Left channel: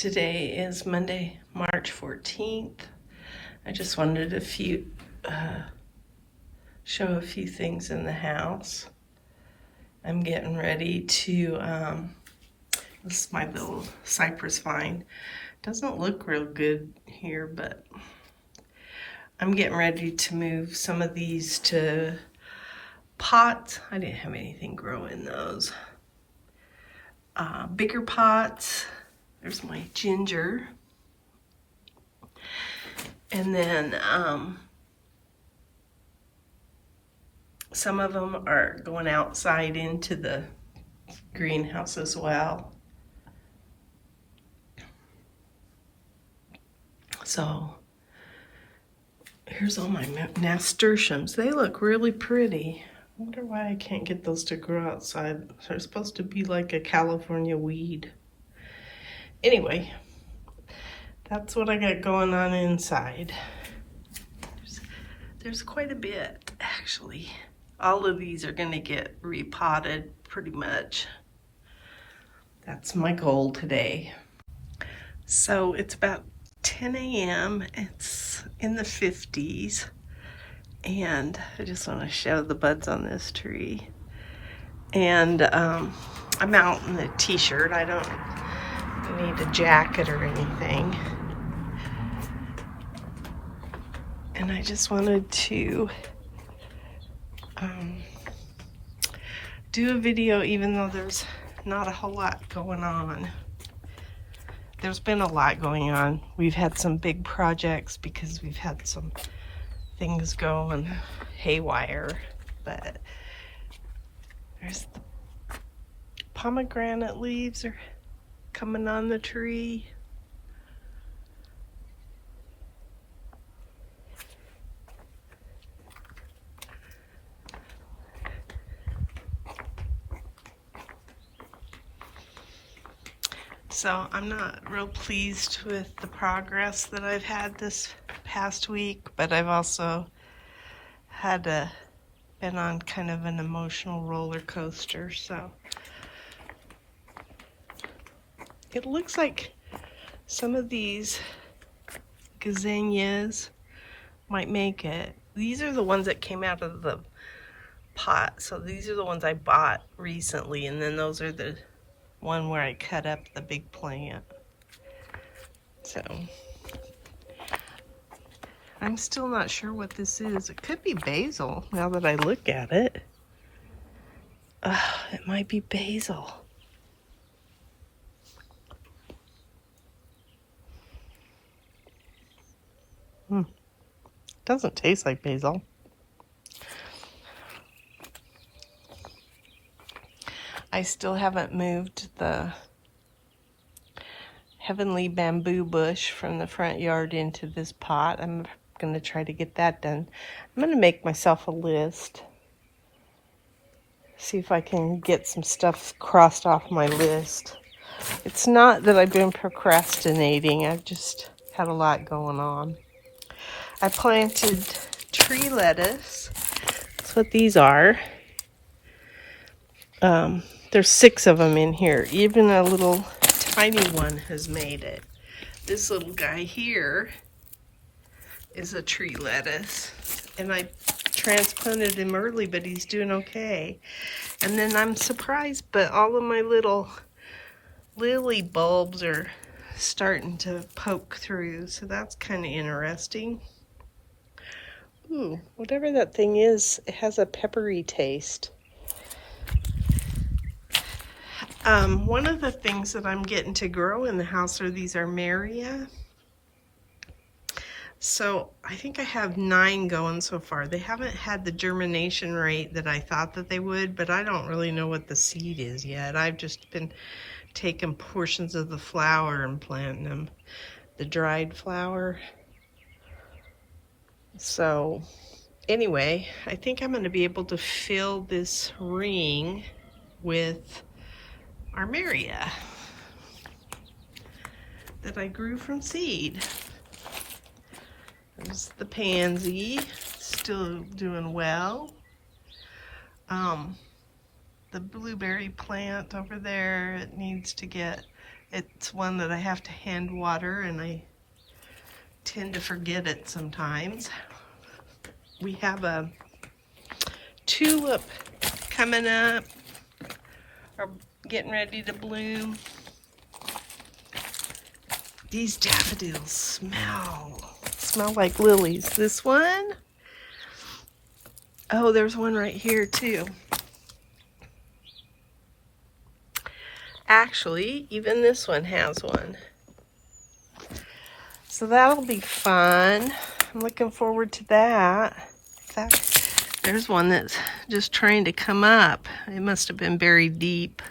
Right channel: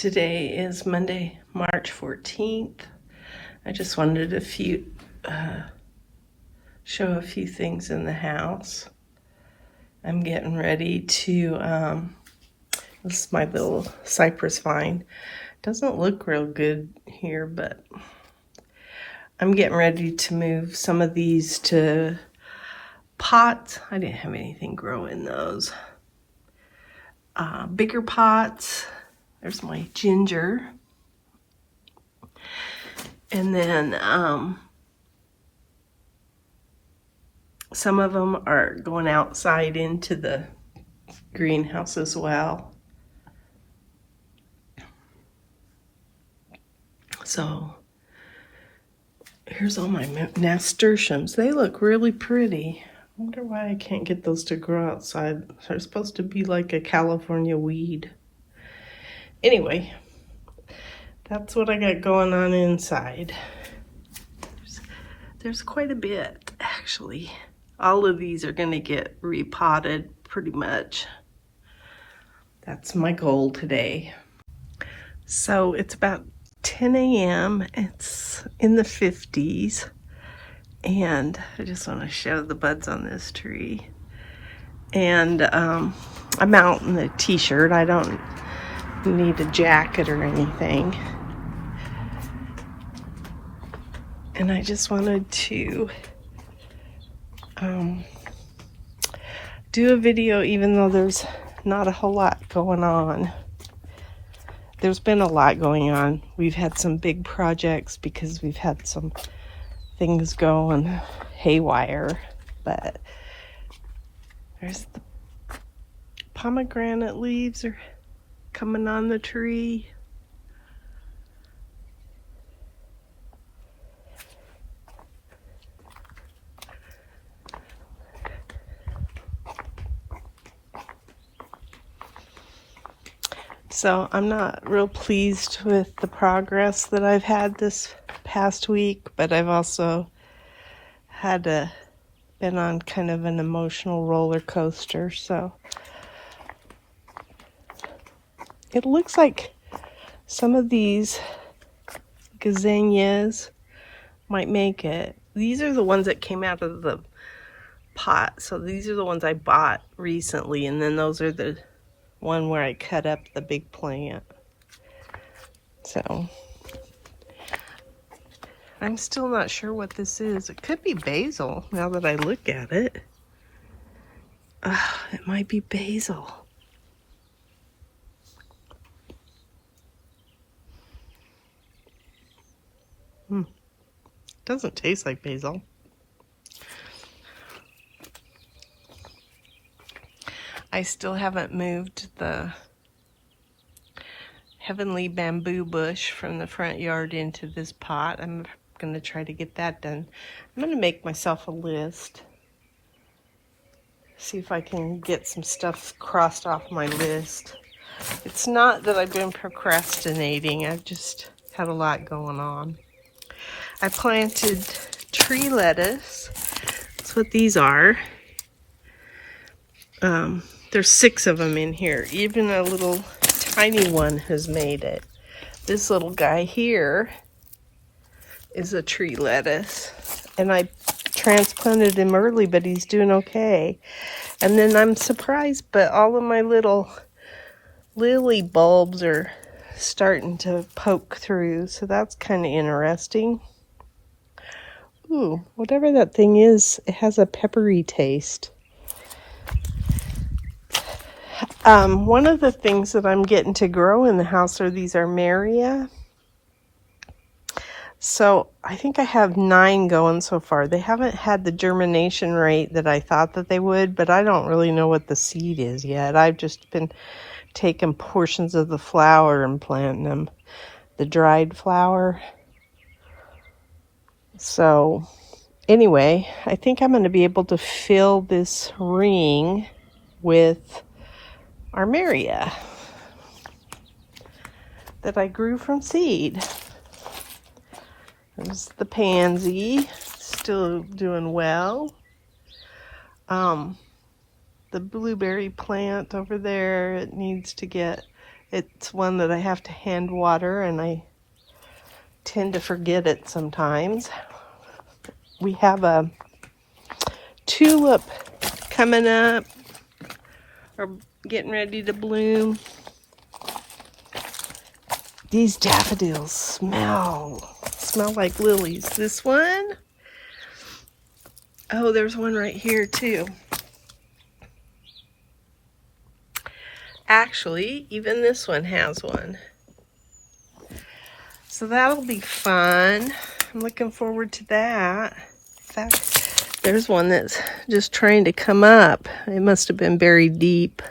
Today is Monday, March 14th. I just wanted to show a few things in the house. I'm getting ready to, this is my little cypress vine. Doesn't look real good here, but I'm getting ready to move some of these to pots. I didn't have anything grow in those. Bigger pots. There's my ginger. And then some of them are going outside into the greenhouse as well. So here's all my nasturtiums. They look really pretty. I wonder why I can't get those to grow outside. They're supposed to be like a California weed. Anyway, that's what I got going on inside. There's quite a bit, actually. All of these are going to get repotted pretty much. That's my goal today. So it's about 10 a.m. It's in the 50s. And I just want to show the buds on this tree. And I'm out in a t-shirt. I don't need a jacket or anything. And I just wanted to do a video even though there's not a whole lot going on. There's been a lot going on. We've had some big projects because we've had some things going haywire, but there's the pomegranate leaves are coming on the tree. So I'm not real pleased with the progress that I've had this past week, but I've also been on kind of an emotional roller coaster. So it looks like some of these gazanias might make it. These are the ones that came out of the pot. So these are the ones I bought recently, and then those are the one where I cut up the big plant. So I'm still not sure what this is. It could be basil now that I look at it. It might be basil. Doesn't taste like basil. I still haven't moved the heavenly bamboo bush from the front yard into this pot. I'm going to try to get that done. I'm going to make myself a list. See if I can get some stuff crossed off my list. It's not that I've been procrastinating. I've just had a lot going on. I planted tree lettuce. That's what these are. There's 6 of them in here. Even a little tiny one has made it. This little guy here is a tree lettuce. And I transplanted him early, but he's doing okay. And then I'm surprised, but all of my little lily bulbs are starting to poke through. So that's kind of interesting. Ooh, whatever that thing is, it has a peppery taste. One of the things that I'm getting to grow in the house are these armeria. So I think I have 9 going so far. They haven't had the germination rate that I thought that they would, but I don't really know what the seed is yet. I've just been taking portions of the flower and planting them, the dried flower. So anyway, I think I'm going to be able to fill this ring with armeria that I grew from seed. There's the pansy, still doing well. The blueberry plant over there, it needs to get It's one that I have to hand water, and I tend to forget it sometimes. We have a tulip coming up, or getting ready to bloom. These daffodils smell like lilies. This one, oh, there's one right here too. Actually, even this one has one. So that'll be fun. I'm looking forward to that. In fact, there's one that's just trying to come up. It must have been buried deep.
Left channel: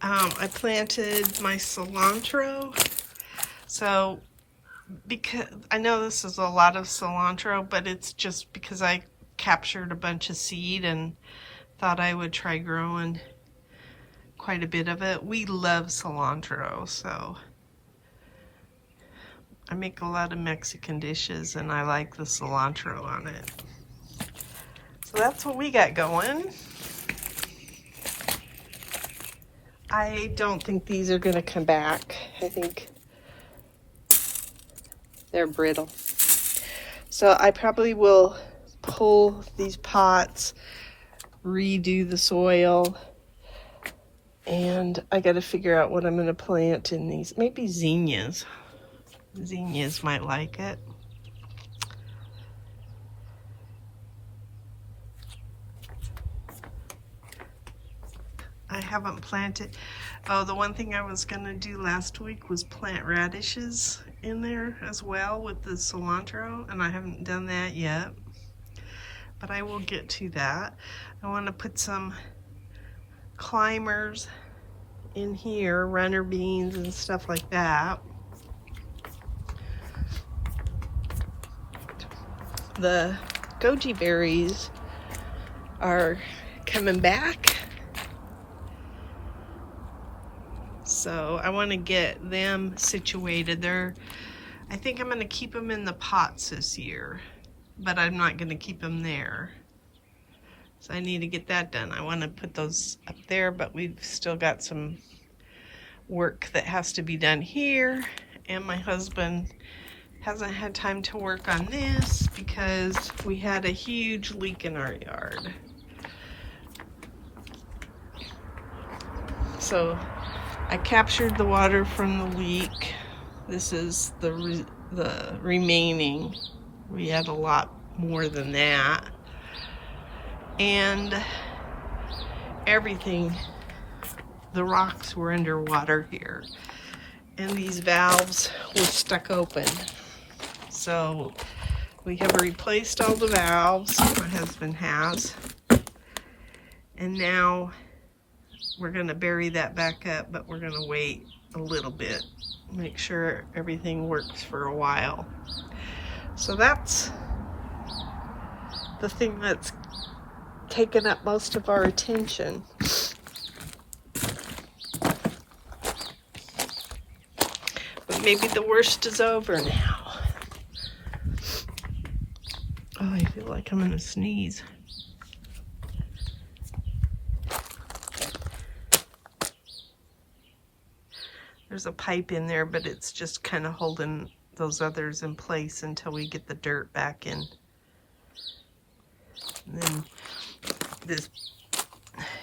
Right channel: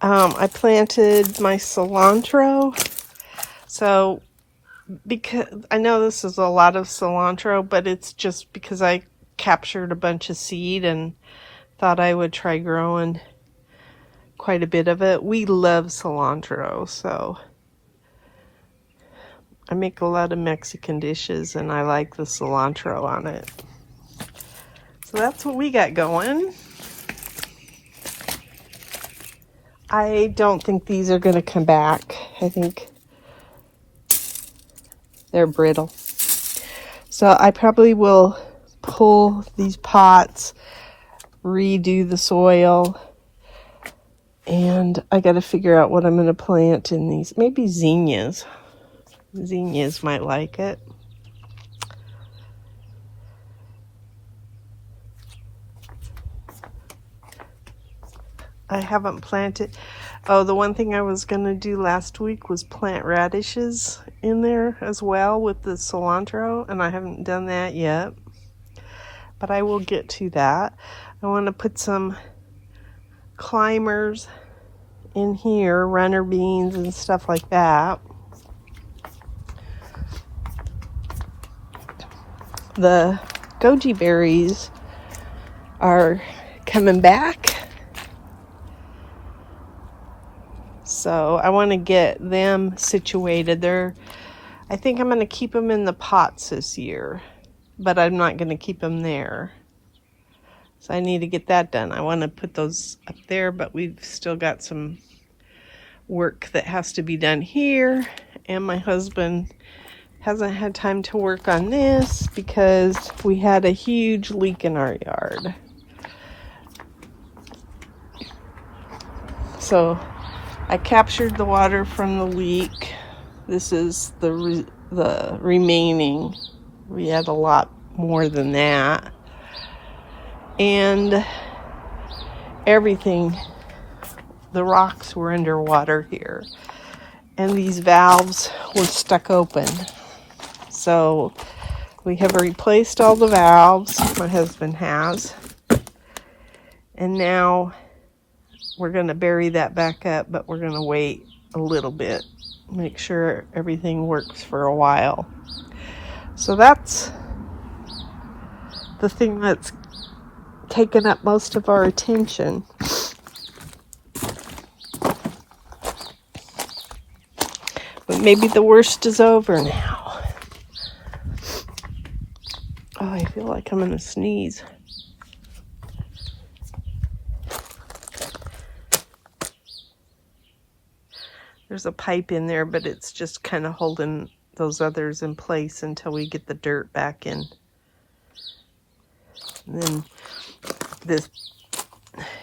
I planted my cilantro. So, because I know this is a lot of cilantro, but it's just because I captured a bunch of seed and thought I would try growing quite a bit of it. We love cilantro, so I make a lot of Mexican dishes and I like the cilantro on it. So that's what we got going. I don't think these are going to come back. I think they're brittle. So I probably will pull these pots, redo the soil, and I got to figure out what I'm going to plant in these. Maybe zinnias. Zinnias might like it. I haven't planted. Oh, the one thing I was going to do last week was plant radishes in there as well with the cilantro, and I haven't done that yet. But I will get to that. I want to put some climbers in here, runner beans and stuff like that. The goji berries are coming back. So I want to get them situated. I think I'm going to keep them in the pots this year, but I'm not going to keep them there. So I need to get that done. I want to put those up there, but we've still got some work that has to be done here. And my husband hasn't had time to work on this because we had a huge leak in our yard. So I captured the water from the leak. This is the remaining. We had a lot more than that. And everything, the rocks were underwater here. And these valves were stuck open. So we have replaced all the valves, my husband has. And now we're going to bury that back up, but we're going to wait a little bit. Make sure everything works for a while. So that's the thing that's taken up most of our attention. But maybe the worst is over now. Oh, I feel like I'm going to sneeze. There's a pipe in there, but it's just kind of holding those others in place until we get the dirt back in. And then this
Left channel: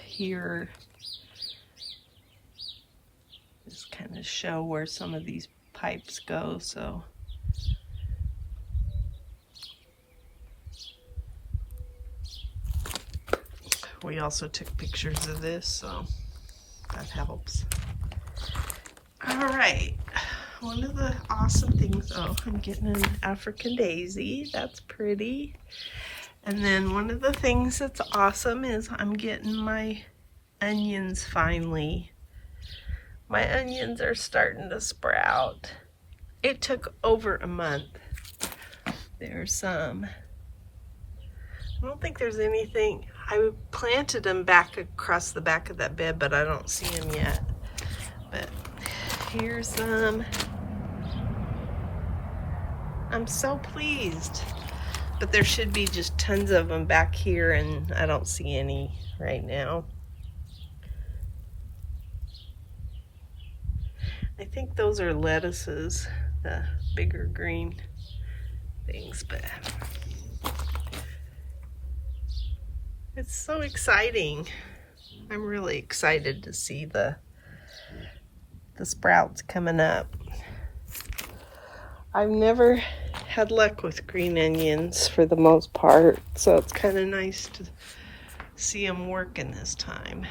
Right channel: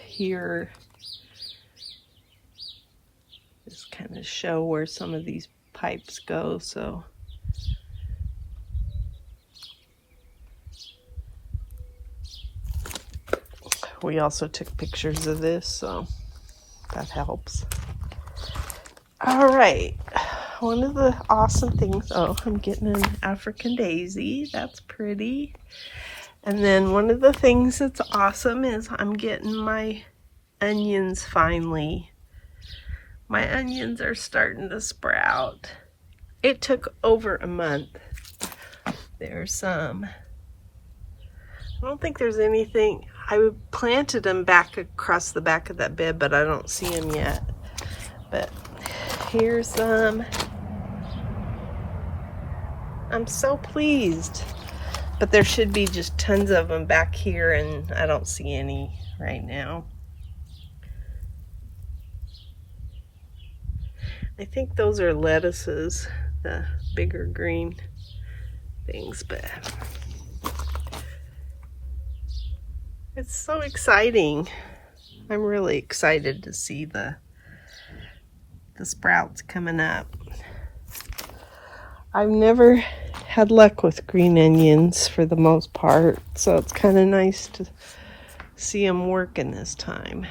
here just kind of show where some of these pipes go. So we also took pictures of this, so that helps. All right, one of the awesome things, oh, I'm getting an African daisy. That's pretty. And then one of the things that's awesome is I'm getting my onions finally. My onions are starting to sprout. It took over a month. There's some. I don't think there's anything. I planted them back across the back of that bed, but I don't see them yet. But here's some. I'm so pleased. But there should be just tons of them back here, and I don't see any right now. I think those are lettuces, the bigger green things, but it's so exciting. I'm really excited to see the sprouts coming up. I've never had luck with green onions for the most part, so it's kind of nice to see them working this time.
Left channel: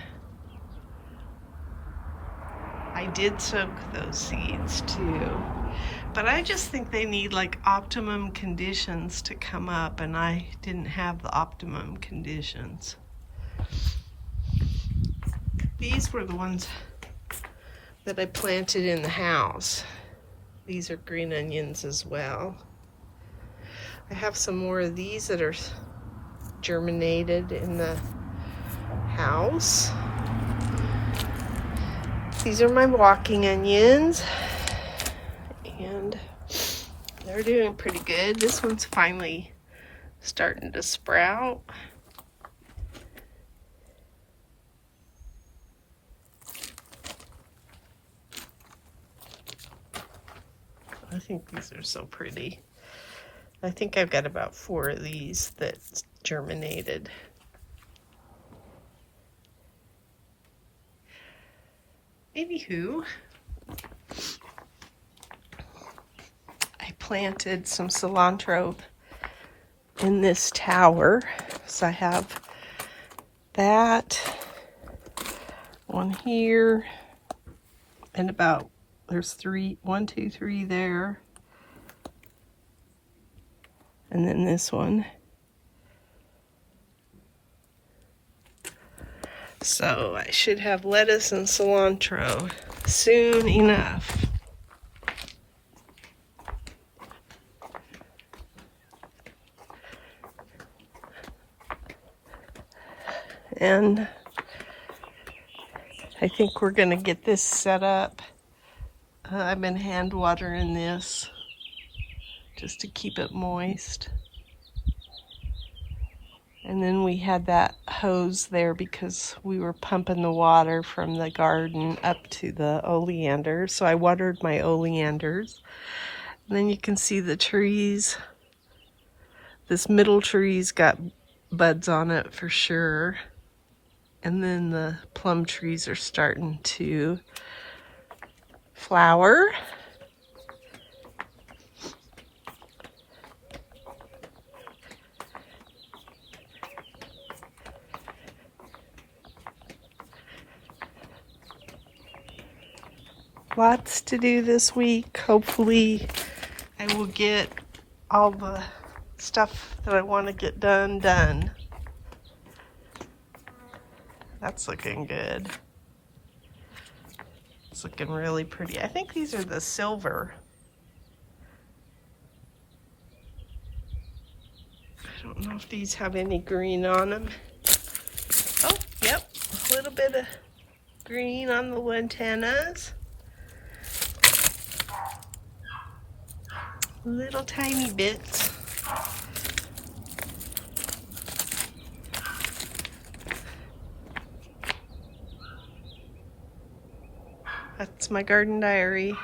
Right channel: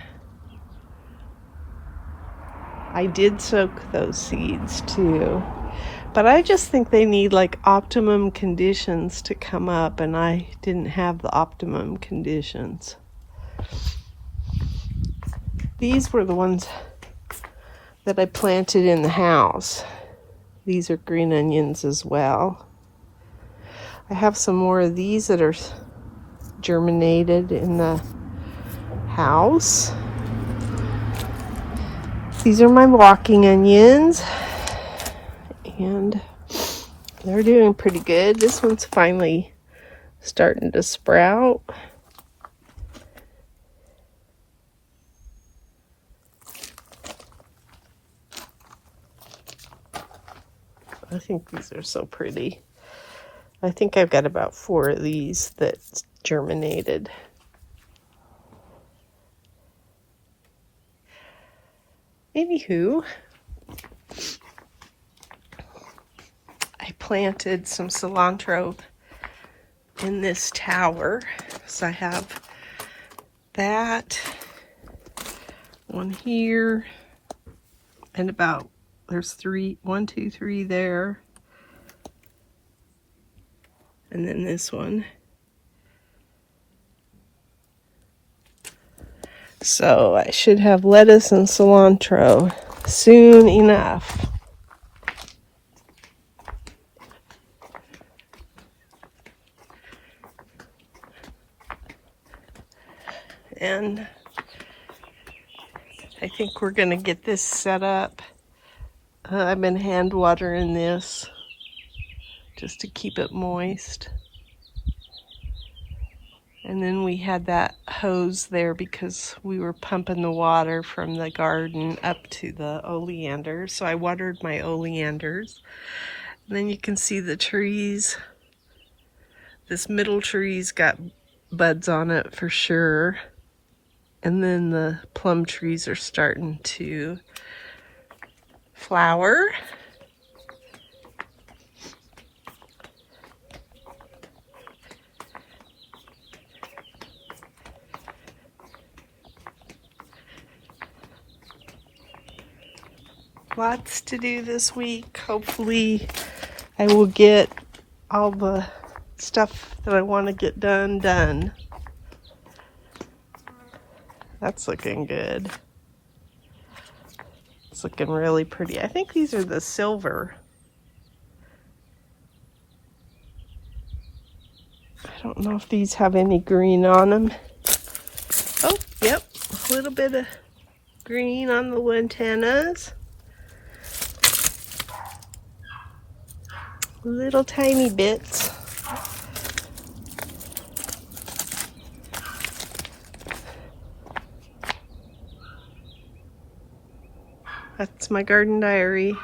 I did soak those seeds too, but I just think they need like optimum conditions to come up, and I didn't have the optimum conditions. These were the ones that I planted in the house. These are green onions as well. I have some more of these that are germinated in the house. These are my walking onions, and they're doing pretty good. This one's finally starting to sprout. I think these are so pretty. I think I've got about 4 of these that germinated. Anywho, I planted some cilantro in this tower. So I have that one here, and about, there's 1, 2, 3 there. And then this one. So I should have lettuce and cilantro soon enough. And I think we're gonna get this set up. I've been hand watering this just to keep it moist. And then we had that hose there because we were pumping the water from the garden up to the oleanders. So I watered my oleanders. And then you can see the trees. This middle tree's got buds on it for sure. And then the plum trees are starting to flower. Lots to do this week. Hopefully I will get all the stuff that I want to get done. That's looking good. It's looking really pretty. I think these are the silver. I don't know if these have any green on them. Oh, yep, a little bit of green on the lantanas. Little tiny bits. That's my garden diary.